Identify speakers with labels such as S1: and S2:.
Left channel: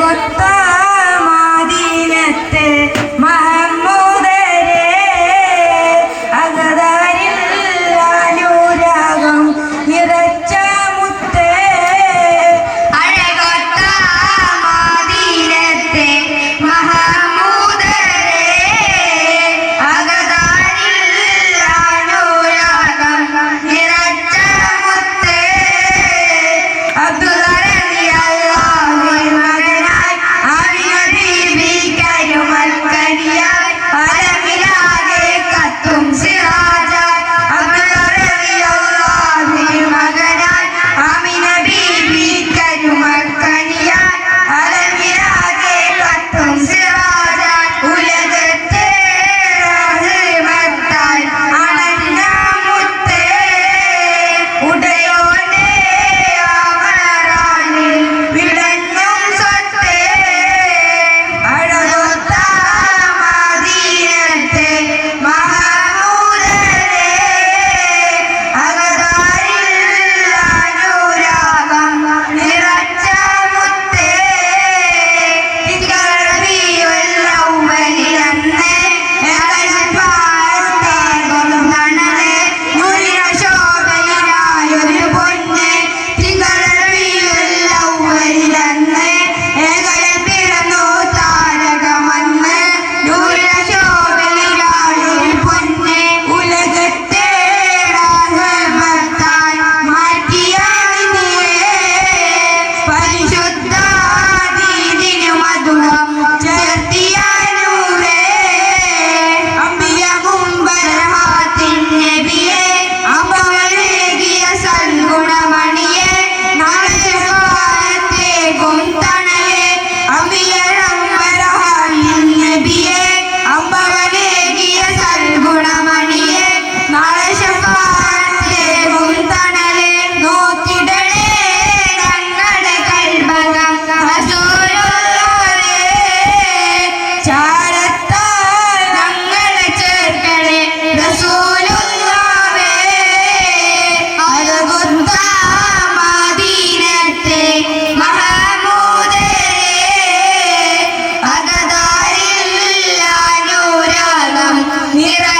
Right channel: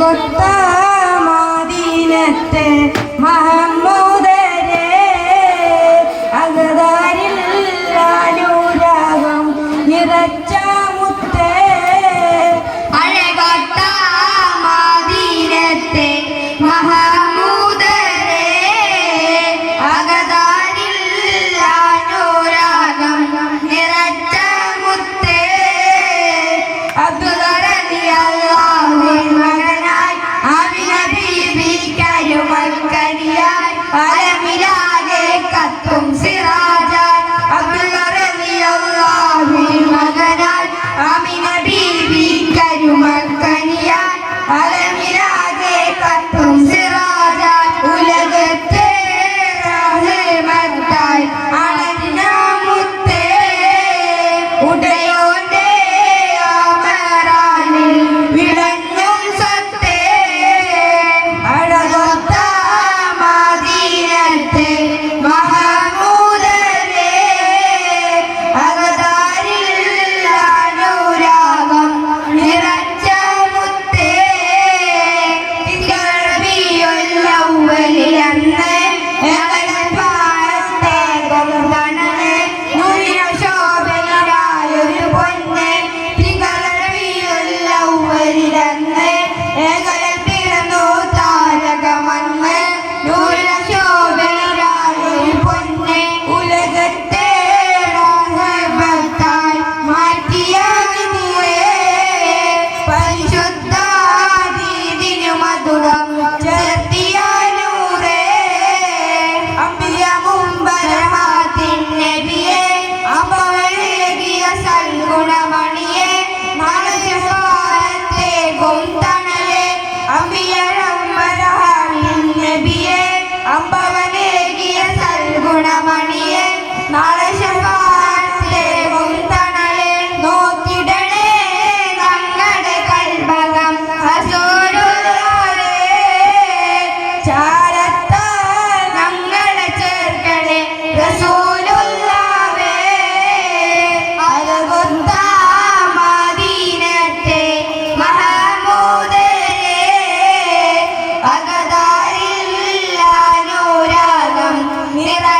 S1: ಗೊತ್ತಾ Good day, all. জন্য Yeah.